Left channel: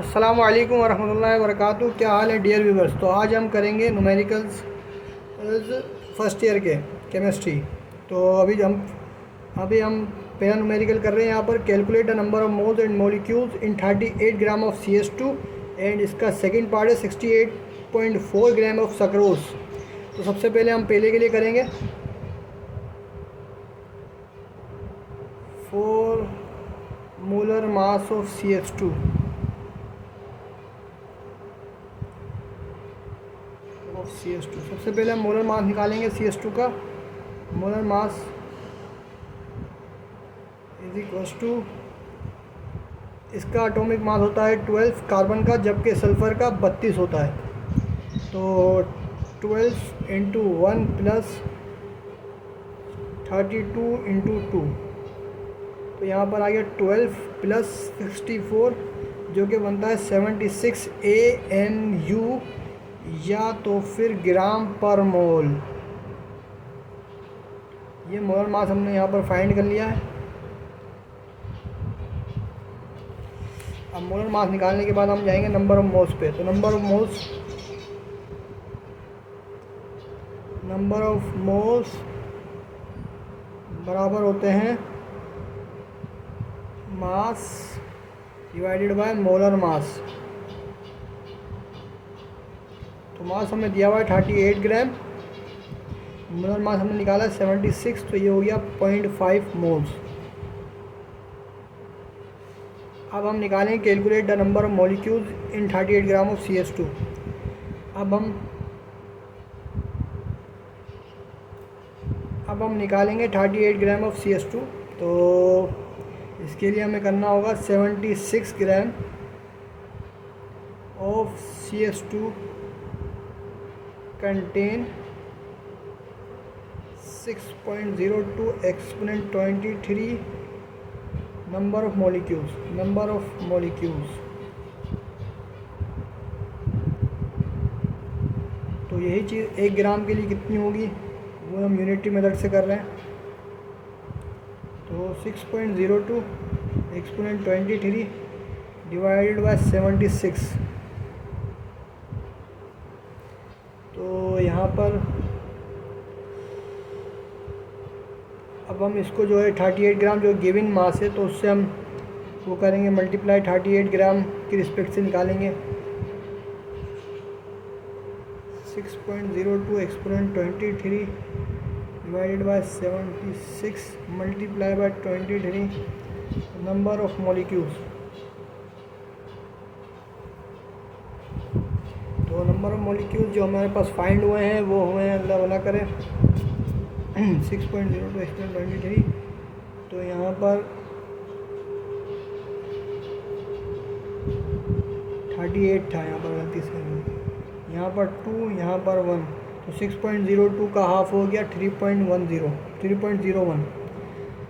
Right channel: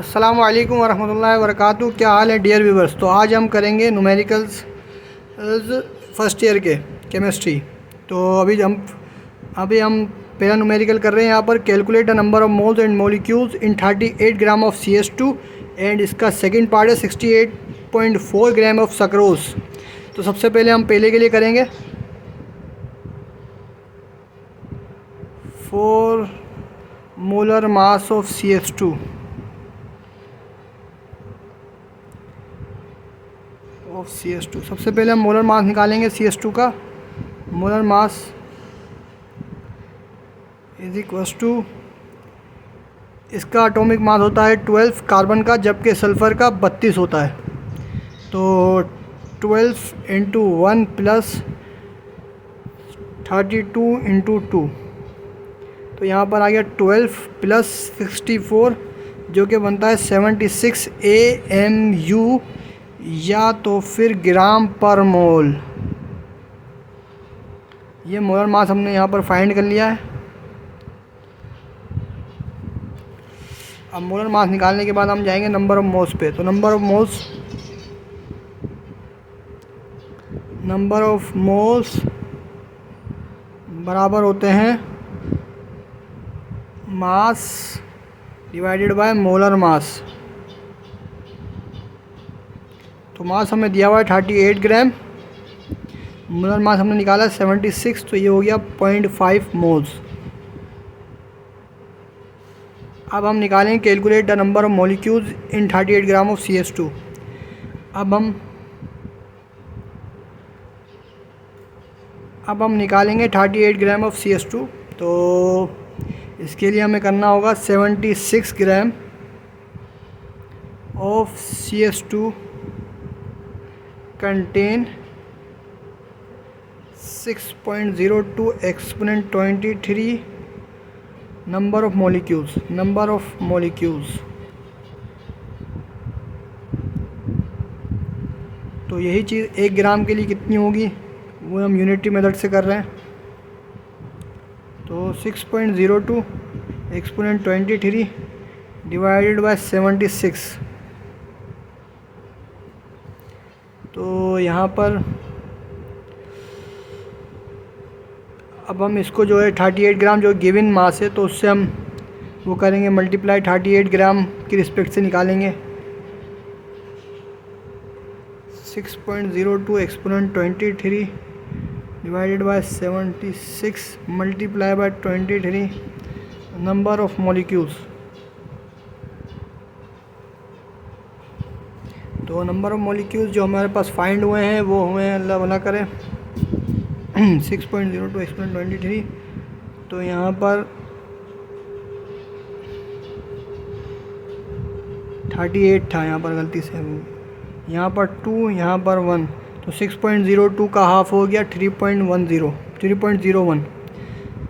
अस्सलामु अलैकुम वरहमतुल्लाहि वबरकातुहू। क्या हाल है डियर व्यूवर्स। तो आज हम करेंगे न्यूमेरिकल्स फर्स्ट ईयर के केमिस्ट्री। तो अभी हम पहला न्यूमेरिकल कर रहे हैं। यहाँ पर calculate the number of moles and molecules in 38 gram of CH2 and इसका सेकंड पार्ट है 68.4 ग्राम ऑफ सक्रोज। तो सबसे पहले हम पहले के लिए करेंगे 4 मोलर मास ऑफ CH2 सबसे पहले हम मोलर मास निकालेंगे CH2 का। Molar mass is equals to, इसका एटॉमिक मास होता है 12 कार्बन का, जबकि सल्फ़र का 32 होता है। तो 12 इंटू 1 प्लस 32 इंटू 2, तो यहाँ पर आ गया 12 प्लस 64 जो कि बनता है 76 AMU या तो फिर ग्राम पर मोल। ये मोलर मास हमने यहाँ पर फाइंड कर लिया है। अब मोलर मास निकालने के बाद हम जाएंगे नंबर ऑफ मोल्स पे। तो नंबर ऑफ मोल्स बराबर होते हैं mass divided by molar mass. तो मास हमें दिया हुआ है 38 ग्राम, मोलर मास हमने निकाला 76, तो ये हो गया 0.5 मोल्स। अब हम निकालेंगे calculate the number of molecules in 38 gram of CH2। अब हम निकालेंगे 38 ग्राम ऑफ CH2। तो इसके लिए हमें करना होगा 76 gram of CH2 contain 6.02 exponent 23 number of molecules. तो यही चीज़ 1 ग्राम के लिए कितनी होगी वो हम यूनिटी मेथड से कर रहे हैं। तो 6.02 एक्सपोनेंट 23 डिवाइडेड बाय 76। तो यहाँ पर अब हम इसको जो है 38 ग्राम जो गिवन मास है, तो उससे हम वो करेंगे मल्टीप्लाई 38 ग्राम की रिस्पेक्ट से निकालेंगे। 6.02 exponent 23 divided bye 76 multiply by 23 number of molecules. तो नंबर ऑफ मॉलिक्यूल्स जो हमारे पास फाइंड हुए हैं वो हुए हैं, अल्लाह भला करें 6.02 एक्सपोनेंट 23। तो यहाँ पर 38 था, यहाँ पर गलती से यहाँ पर 2, यहाँ पर 1, तो 6.02 का हाफ हो गया 3.01।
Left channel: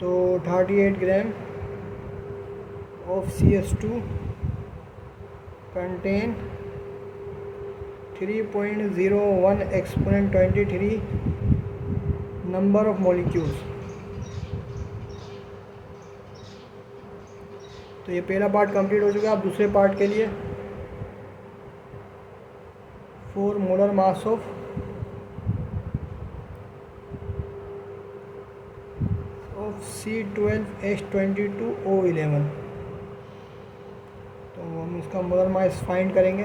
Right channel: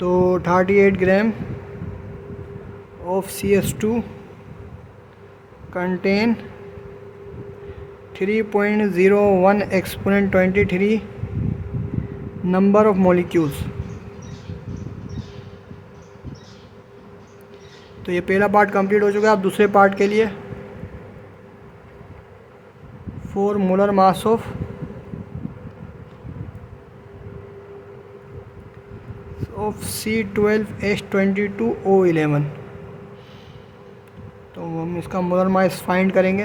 तो 38 gram of CH2 contain 3.01 exponent 23 number of molecules. तो ये पहला पार्ट कंप्लीट हो चुका है। अब दूसरे पार्ट के लिए 4 मोलर मास ऑफ C12H22O11। तो हम इसका मोलर मास फाइंड करेंगे।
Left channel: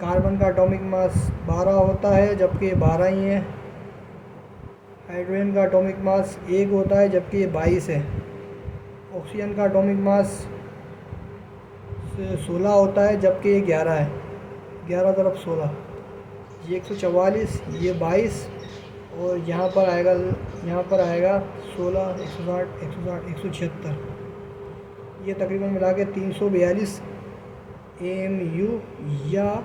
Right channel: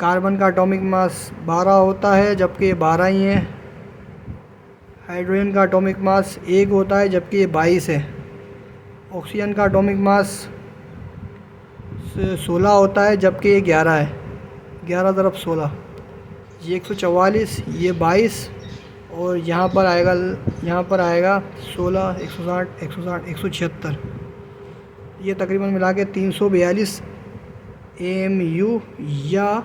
कार्बन का एटॉमिक मास 12 होता है, जबकि ये 12 ही है। हाइड्रोजन का एटॉमिक मास 1 होता है, जबकि ये 22 है। ऑक्सीजन का एटॉमिक मास 16 होता है, जबकि ये 11 है। 11 तरफ 16, ये 144, ये 22, और यहाँ पर आएगा 16, 160, 176। ये तकरीबन मिला के 342 AMU या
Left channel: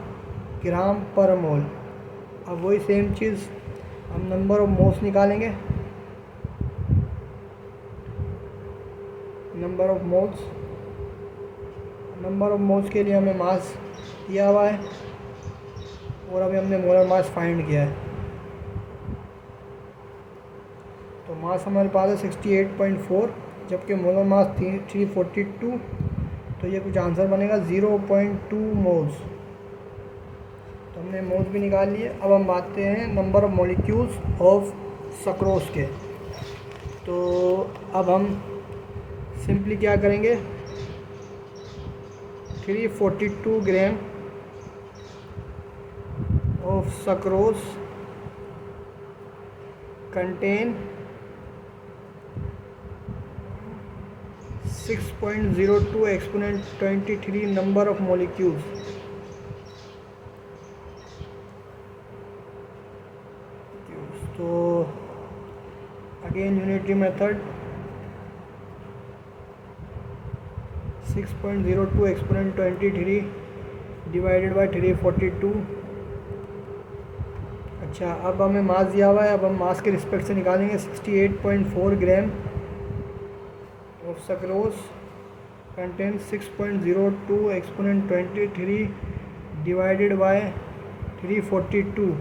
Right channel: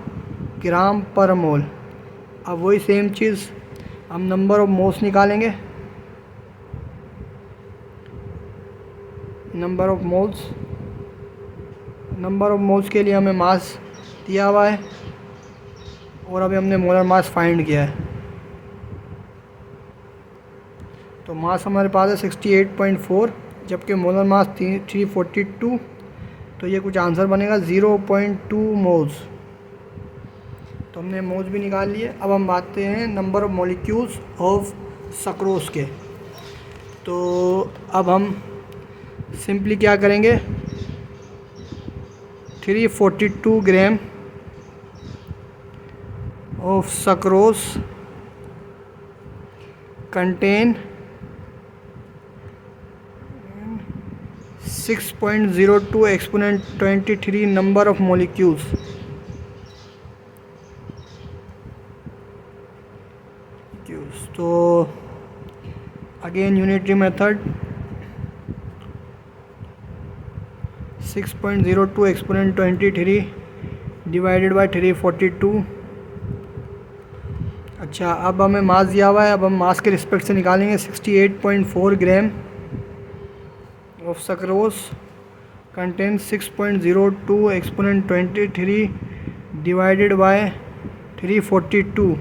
ग्राम पर मोल। अब वही सेम चीज़ हम नंबर ऑफ मोल्स निकालेंगे। नंबर ऑफ मोल्स के लिए हमें मास दिया हुआ है, और अभी हमने मोलर मास फाइंड किया है। तो मास हमारे पास है 68.4, जबकि मोलर मास 342 तो ये कुछ आंसर बनेगा 0.2 मोल्स। तो हमने मोल्स भी निकाल लिए। अब हम आते हैं number of molecules of sucrose के। तो अब हम सिंपली क्या करेंगे, 342 gram of sucrose contain 6.02 exponent 23 number of molecules. तो again unitary method, 6.02 exponent 23 divided by 342। अच्छा, अब हमें मास दिया हुआ है, अब हम मास के रिस्पेक्ट से निकालेंगे। 68.4 ग्राम of sucrose contain 6.02 exponent 23 divided by 342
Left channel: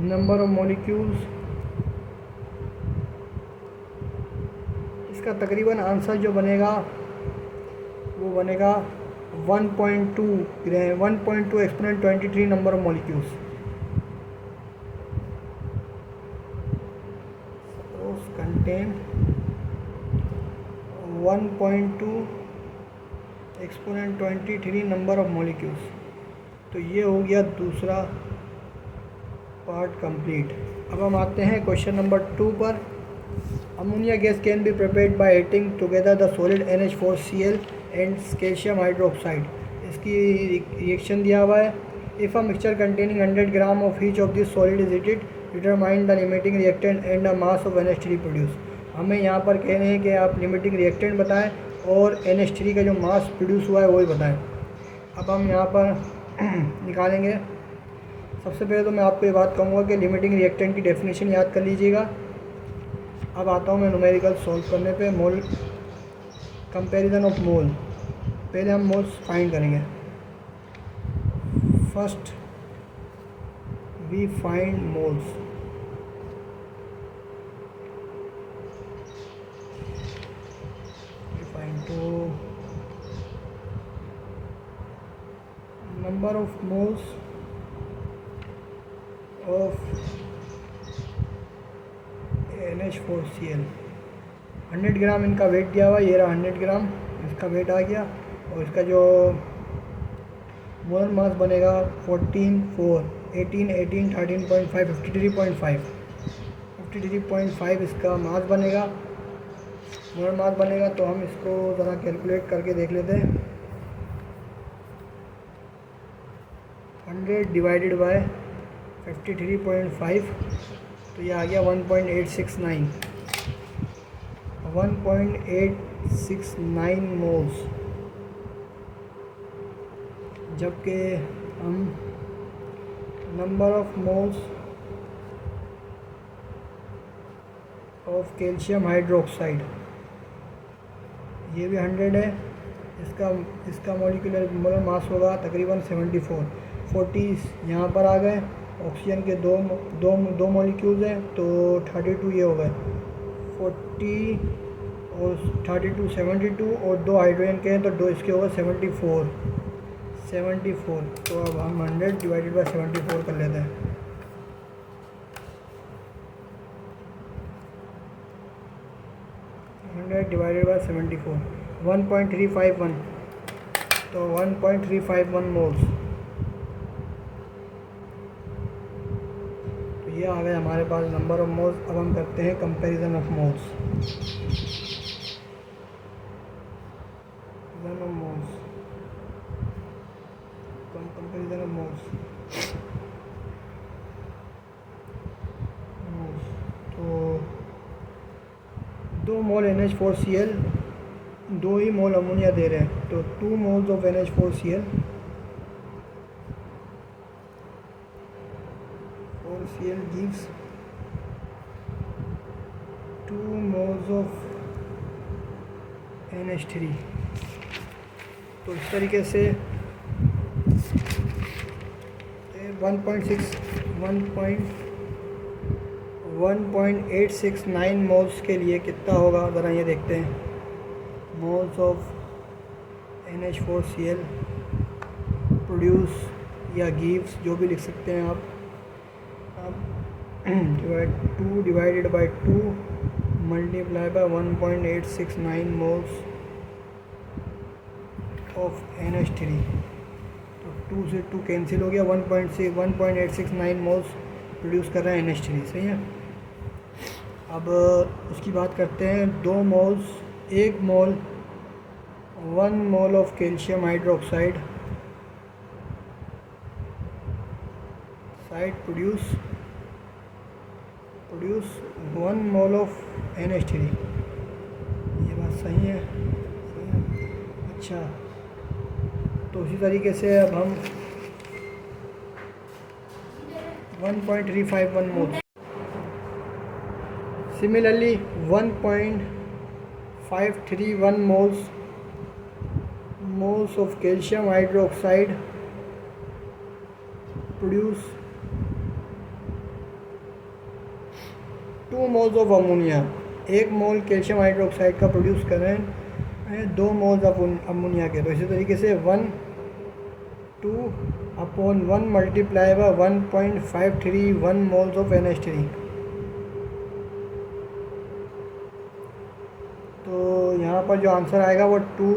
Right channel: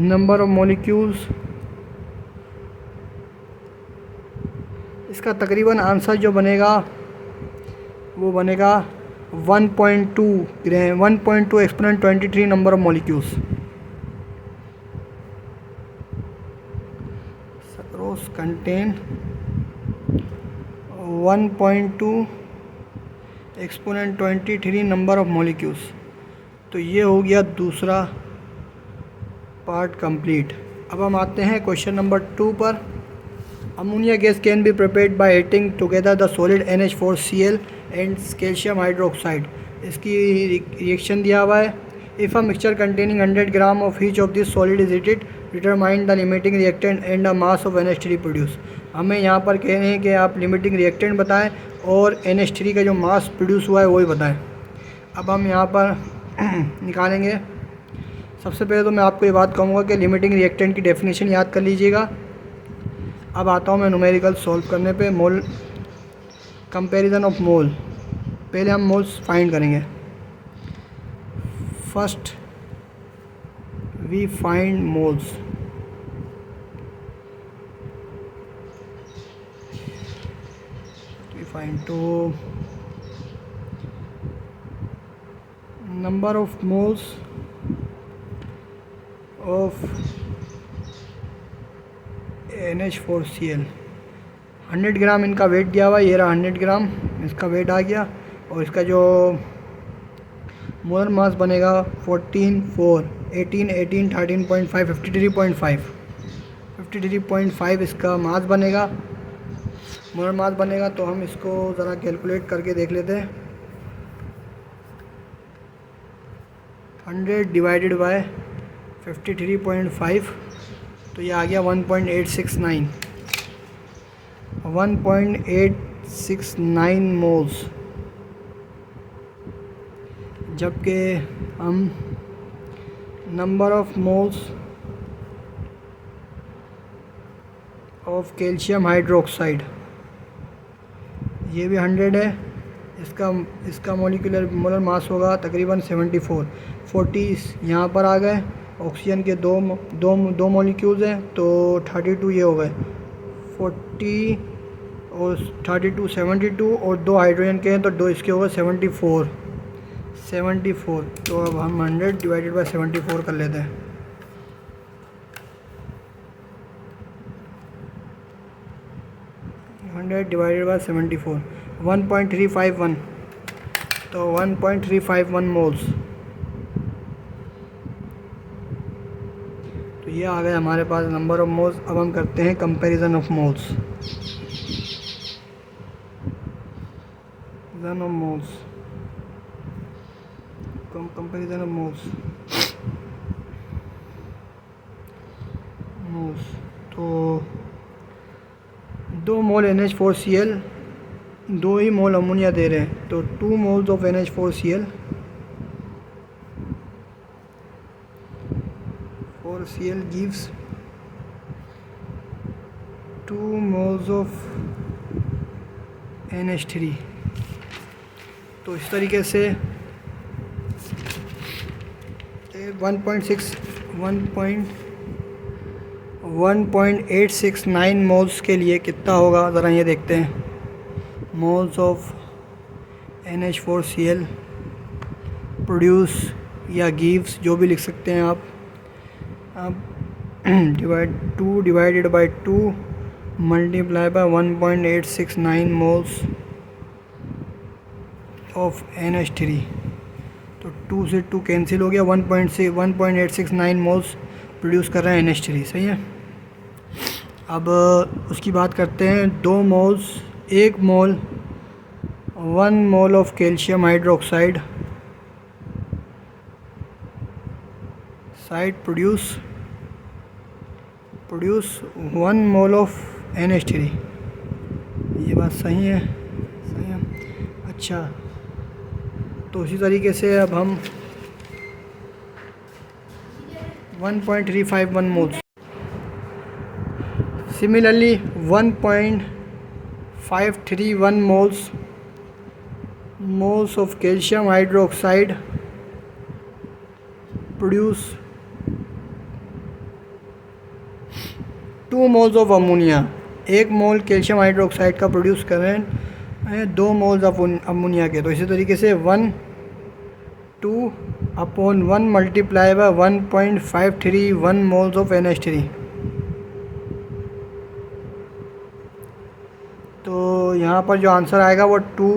number of molecules. इसका तकरीबन आंसर जो बनेगा वो बनेगा 1.2 ग्राम, 1.2 exponent 23 number of molecules. Sucrose contain 1.2 exponent 23 number of molecules. तो ये हो गया दूसरा पार्ट कंप्लीट। अब हम आते हैं क्वेश्चन नंबर 2 पर। Ammonia gas can be prepared by heating together the solid NH4Cl and calcium hydroxide. इसकी रिएक्शन दिया हुआ है। If a mixture containing 100 gram of each of this solid is heated, determine the limiting reactant and the mass of NH3 produce. हमें यहाँ पर कह रहे हैं कि आप लिमिटिंग रिएक्टेंट बताएं और NH3 का जो मास प्रोड्यूस हुआ है वही बताएं। अब हम यहाँ पर निकालेंगे। सबसे पहले तो मैं आपको ये बात कहूँगा कि लिमिटिंग रिएक्टेंट की डेफिनेशन याद कर लीजिएगा। अब आता हूँ मैं न्यूमेरिकल सॉल्व करने पे। मोल कंपैरिजन ऑफ मोल, पहले हम मोल्स फाइंड करेंगे। First we find moles. We find to number of moles of NH4Cl। 100 gram इनका वेट दिया हुआ है, ये रहा 100 ग्राम इसका वेट आ गया। और इसका जो मोलर मास बनेगा 14, 4, 18, 18, 13.5, 53.5, 53.5 इसका मास बनेगा, मोलर मास बनेगा। तो हम इसको ज़रा कैलकुलेट करके देख लेते हैं। 100 डिवाइडेड बाय 53.5, तो ये आ गया 1.869 मोल्स। जबकि हम number of moles of calcium hydroxide, ये भी 100 है। इसका मोलिकुलर मोलर मास होगा तकरीबन 74। 40 यहाँ पर आ गए। ऑक्सीजन के दो मॉलिक्यूल्स हैं तो 32 ये हो गए। 40 और 32 72, और 2 हाइड्रोजन के हैं तो 2 इसके हो गए 74। तो अब हम 100 डिवाइडेड बाय 74 कर लेते हैं। डिवाइडेड बाय 74, 1.351, तो 1.351 मोल्स। तो ये आ गए हमारे पास नंबर ऑफ मोल्स। अब हम करते हैं comparison of moles. Comparison of moles. तो 2 मोल NH4Cl, 2 ही मोल अमोनिया दे रहे हैं, तो 2 moles of NH4Cl gives 2 moles of NH3। तो इस तरीके से 1.869 मोल्स के लिए कितना होगा ज़रा ये देखते हैं। मोल्स ऑफ NH4Cl प्रोड्यूस या गिव्स, जो भी लिख सकते हैं आप। अब divided by 2 multiply by 1.869 moles of NH3। तो 2 से 2 कैंसिल हो गया, 1.869 मोल्स प्रोड्यूस कर रहा है NH3, सही है। अब उसकी बात करते हैं, 2 moles, 1 mole 1 mole of calcium hydroxide produce 1 mole of NH3। ये बात सही है, सही है। अच्छा, तो उसी तरीके से अब हम 1.351 moles, similarly 1.531 moles of calcium hydroxide produce 2 moles of ammonia. 1 mole calcium hydroxide का प्रोड्यूस कर रहे हैं 2 मोल्स ऑफ अमोनिया के। तो इसी तरीके से 1/2 multiply by 1.531 moles of NH3। तो यहाँ पर जो आंसर आएगा वो 2,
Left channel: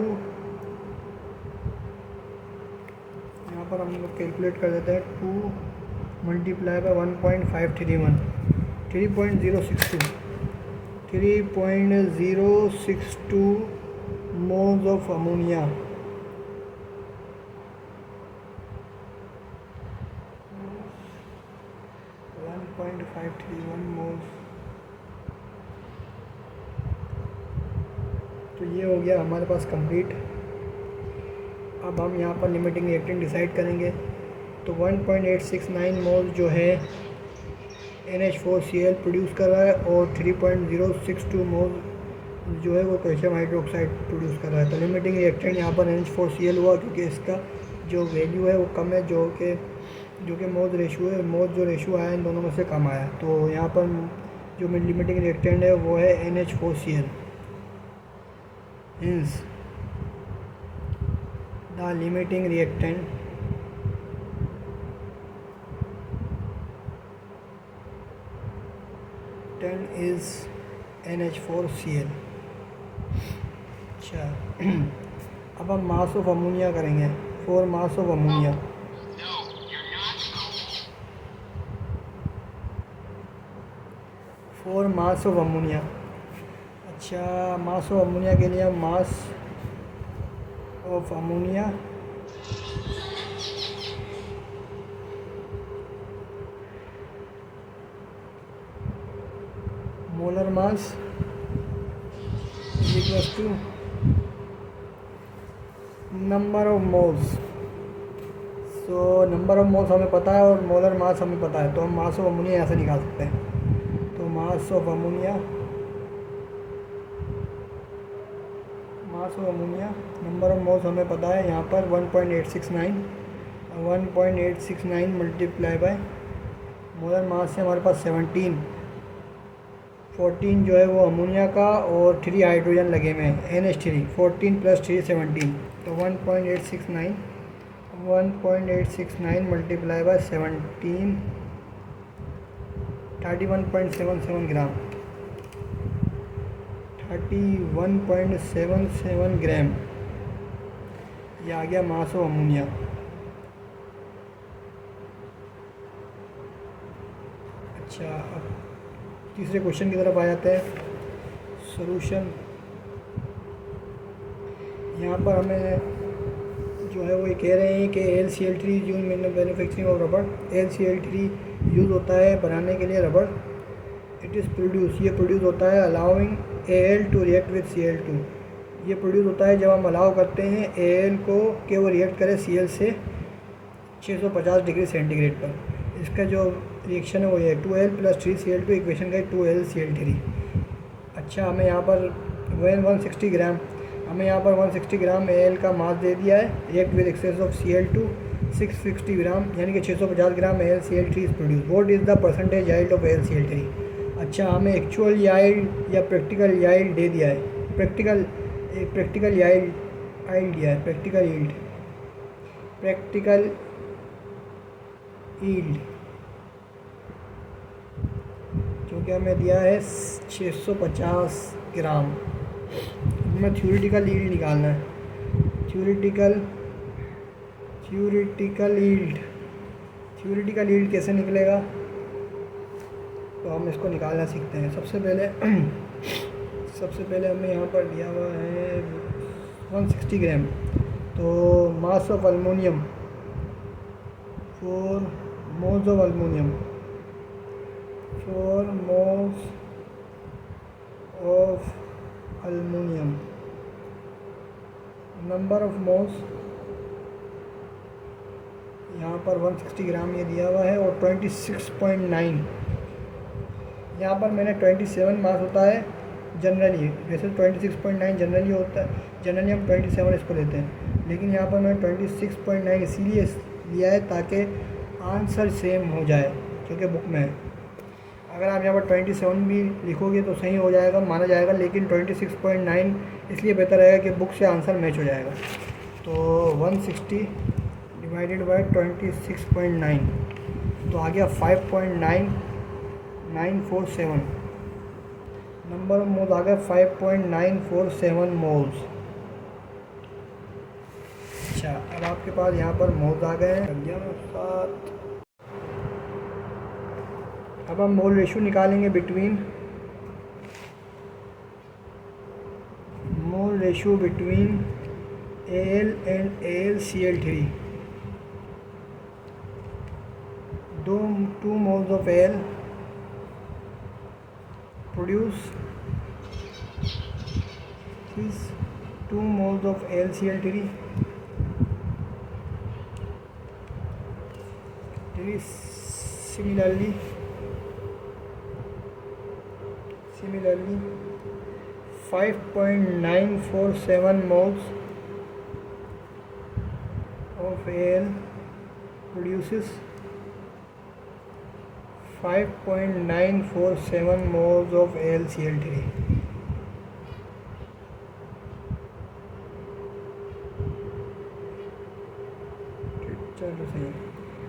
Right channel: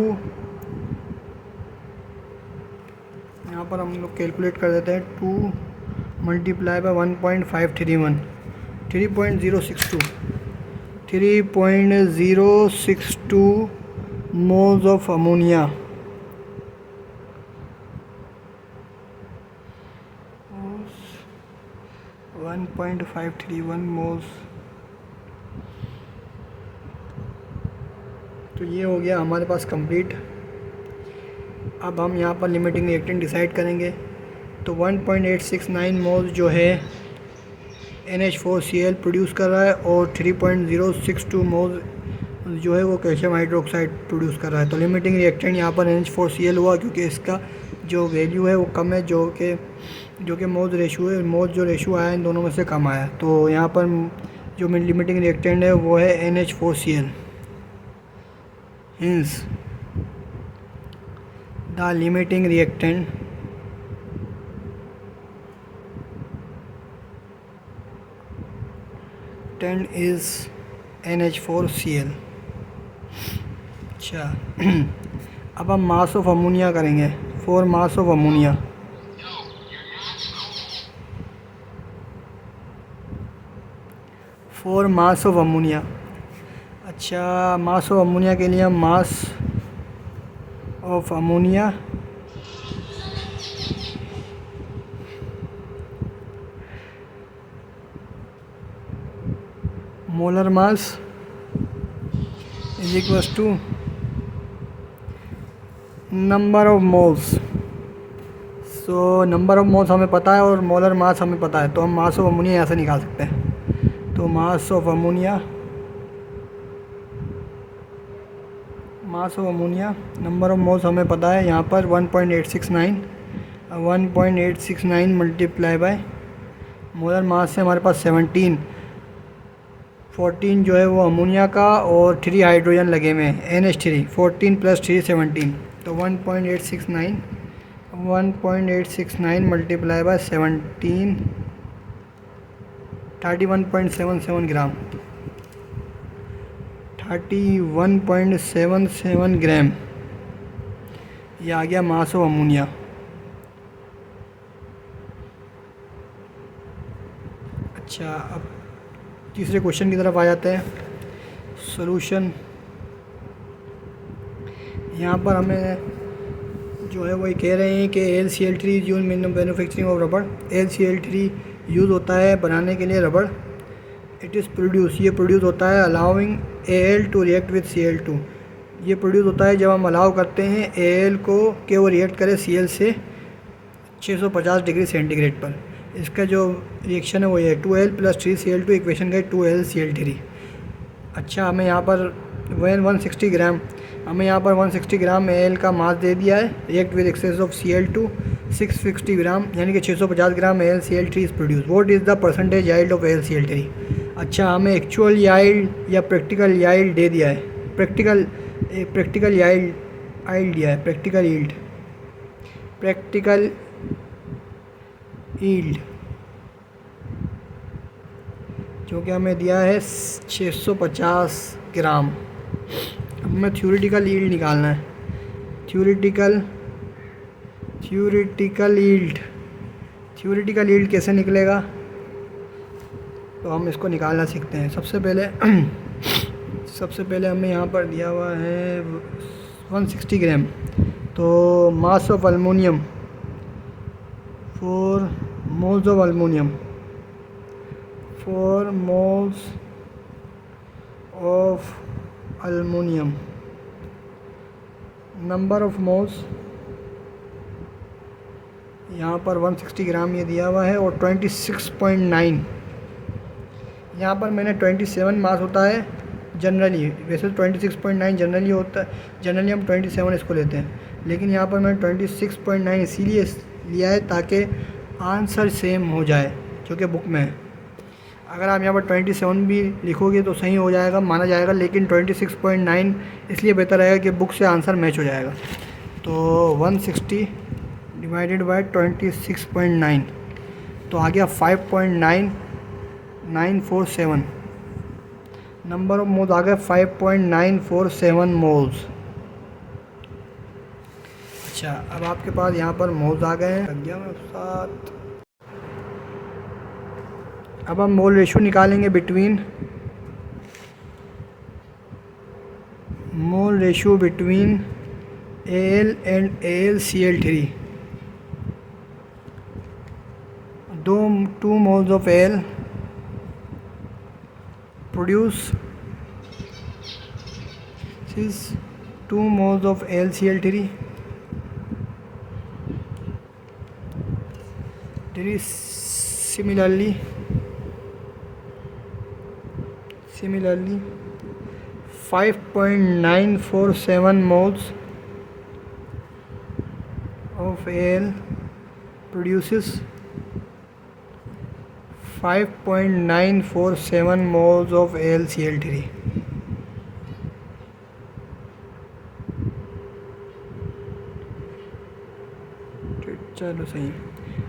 यहाँ पर हम लोग कैलकुलेट कर देते हैं, 2 multiply by 1.531, 3.062 moles of ammonia. 1.531 moles. तो ये हो गया हमारे पास कंप्लीट। अब हम यहाँ पर लिमिटिंग रिएक्टेंट डिसाइड करेंगे। तो 1.869 मोल्स जो है NH4Cl प्रोड्यूस कर रहा है और 3.062 मोल्स जो है वो कैल्शियम हाइड्रोक्साइड प्रोड्यूस कर रहा है। तो लिमिटिंग रिएक्टेंट यहाँ पर NH4Cl हुआ, क्योंकि इसका जो वैल्यू है वो कम है, जो कि मोल्स रेशो है, मोल्स जो रेशो आया इन दोनों में से कम आया। तो यहाँ पर जो लिमिटिंग रिएक्टेंट है वो है NH4Cl। Hence, the limiting reactant is NH4Cl। अच्छा, अब हम मास ऑफ अमोनिया करेंगे। 4 मास ऑफ अमोनिया। अच्छा, मास ऑफ अमोनिया के लिए हम mass of ammonia molar mass is equals to number of moles. So number of moles हमें पता है और मोलर मास हमें पता है, तो हम मास ऑफ अमोनिया यहाँ से निकाल सकते हैं। तो मास of ammonia number of moles हमें पता है यहाँ पर 1.869 मल्टीप्लाई बाय मोलर मास से हमारे पास 14 जो है वो अमोनिया का और 3 हाइड्रोजन लगे हुए हैं NH3, 14 + 3 17। तो 1.869 मल्टीप्लाई बाय 17, 31.77 ग्राम, 31.77 ग्राम। ये आ गया मास ऑफ अमोनिया। अच्छा, अब तीसरे क्वेश्चन की तरफ आ जाते हैं। सॉल्यूशन, यहाँ पर हमें जो है वो ये कह रहे हैं कि AlCl3 use in manufacturing of रबड़। AlCl3 यूज़ होता है बनाने के लिए रबड़। इट इज़ प्रोड्यूस, ये प्रोड्यूस होता है allowing Al to react with Cl2। ये प्रोड्यूस होता है जब हम अलाउ करते हैं Al को कि वो रिएक्ट करे Cl से 650 डिग्री सेंटीग्रेड पर। इसका जो रिएक्शन है वो ये 2Al + 3Cl2 इक्वेशन का 2AlCl3। अच्छा, हमें यहाँ पर 160 ग्राम Al का मास दे दिया है। React with excess of Cl2 660 gram, यानी कि 650 gram AlCl3 is produce. What is the percentage yield of AlCl3? अच्छा, हमें एक्चुअल याइल्ड या प्रैक्टिकल याइल्ड दे दिया है। प्रैक्टिकल याइल्ड आइल्ड दिया है, प्रैक्टिकल यील्ड, प्रैक्टिकल यील्ड जो कि हमें दिया है 650 ग्राम। हमें थ्योरेटिकल यील्ड निकालना है, थ्योरेटिकल यील्ड कैसे निकलेगा, तो हम इसको निकालना सीखते हैं। सबसे पहले हमें यहाँ पर दिया हुआ है 160 ग्राम। तो mass of aluminium, 4 moles of aluminium, 4 moles of aluminium, number of moles यहाँ पर 160 ग्राम ये दिया हुआ है, और 26.9 यहाँ पर मैंने 27 मास होता है जनरली, वैसे 26.9 जनरली होता है, जनरली हम 27 इसको लेते हैं, लेकिन यहाँ पर मैंने 26.9 इसीलिए लिया है ताकि आंसर सेम हो जाए जो कि बुक में है। अगर आप यहाँ पर 27 भी लिखोगे तो सही हो जाएगा, माना जाएगा, लेकिन 26.9 इसलिए बेहतर रहेगा कि बुक से आंसर मैच हो जाएगा। तो 160 डिवाइडेड बाय 26.9 तो आ गया 5.9947, नंबर ऑफ मोल्स आ गए 5.947 मोल्स। अच्छा, अब आपके पास यहाँ पर मोल्स आ गए हैं, अब हम मोल रेशो निकालेंगे between Al and AlCl3। 2 moles of Al produce 2 moles of AlCl3 similarly 5.947 moles of Al produces 5.947 moles of AlCl3। चलो सही है।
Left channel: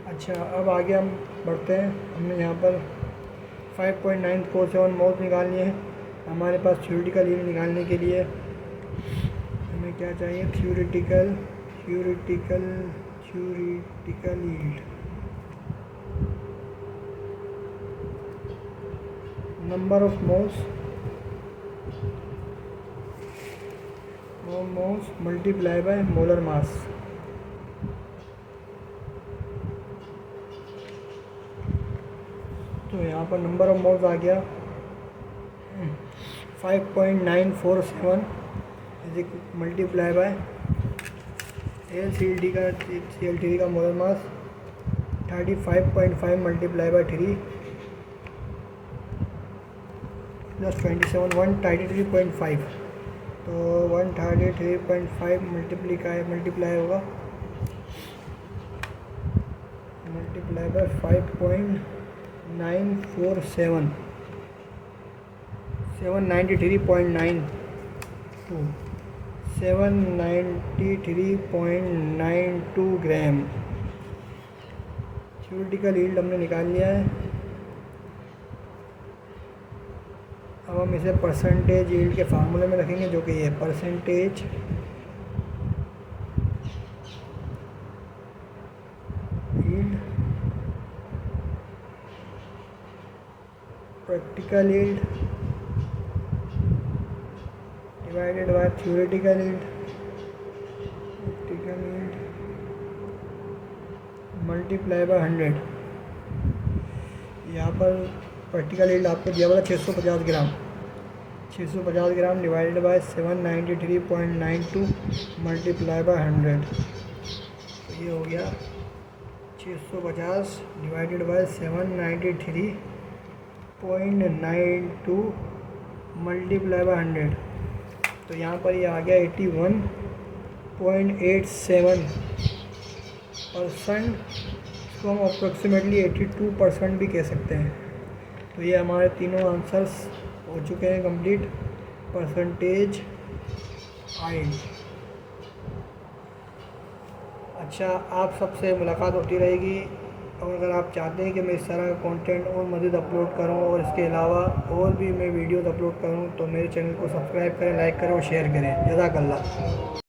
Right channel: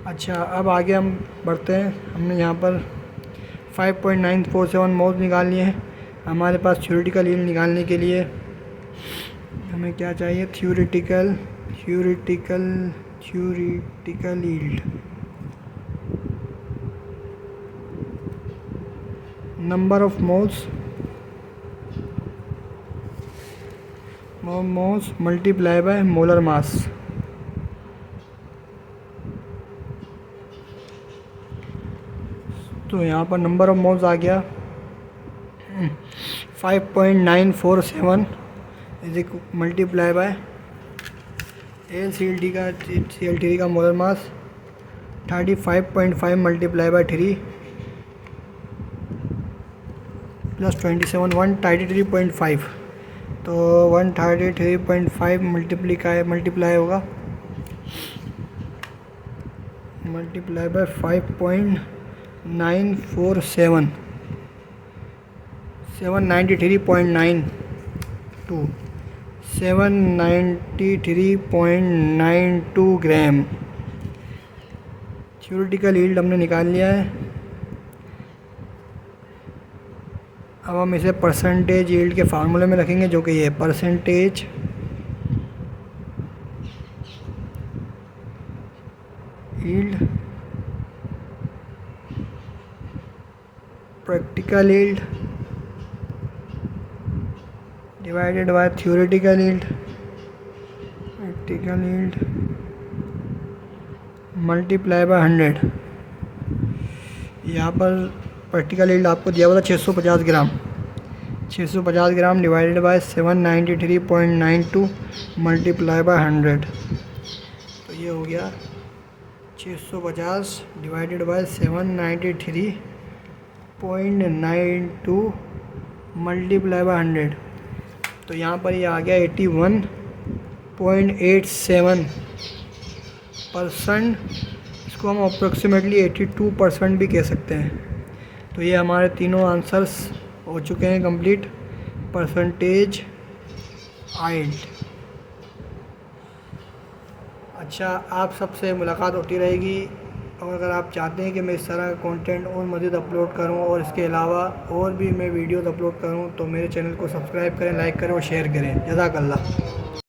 अच्छा, अब आगे हम बढ़ते हैं। हमने यहाँ पर 5.947 मोल्स निकाल लिए हैं। हमारे पास थ्योरेटिकल यील्ड निकालने के लिए हमें क्या चाहिए, theoretical yield, number of moles multiply by molar mass. तो यहाँ पर नंबर ऑफ मोल्स आ गया 5.947 इज मल्टीप्लाई बाय AlCl3 का molar mass 35.5 multiply by 3 plus 27 133.5, तो 133.5 मल्टीप्लाई होगा, multiply by 5.947 793.92 gram. Theoretical yield हमने निकाल लिया है। अब हम इसे परसेंटेज यील्ड के फार्मूले में रखेंगे, जो कि ये percentage yield practical yield divided by theoretical yield multiply by 100। यहाँ पर प्रैक्टिकल यील्ड आपको दिया हुआ था 650 ग्राम, 650 gram divided by 793.92 multiply by 100। तो ये हो गया 650 डिवाइडेड बाय 793.92 मल्टीप्लाई बाय 100। तो यहाँ पर ये आ गया 81.87%। इसको हम अप्रोक्सीमेटली 82% भी कह सकते हैं। तो ये हमारे तीनों आंसर्स हो चुके हैं कंप्लीट। परसेंटेज यील्ड अच्छा, आप सबसे मुलाकात होती रहेगी। और अगर आप चाहते हैं कि मैं इस तरह का कंटेंट और मज़ीद अपलोड करूं और इसके अलावा और भी मैं वीडियोस अपलोड करूं, तो मेरे चैनल को सब्सक्राइब करें, लाइक करें और शेयर करें। जज़ाकल्लाह।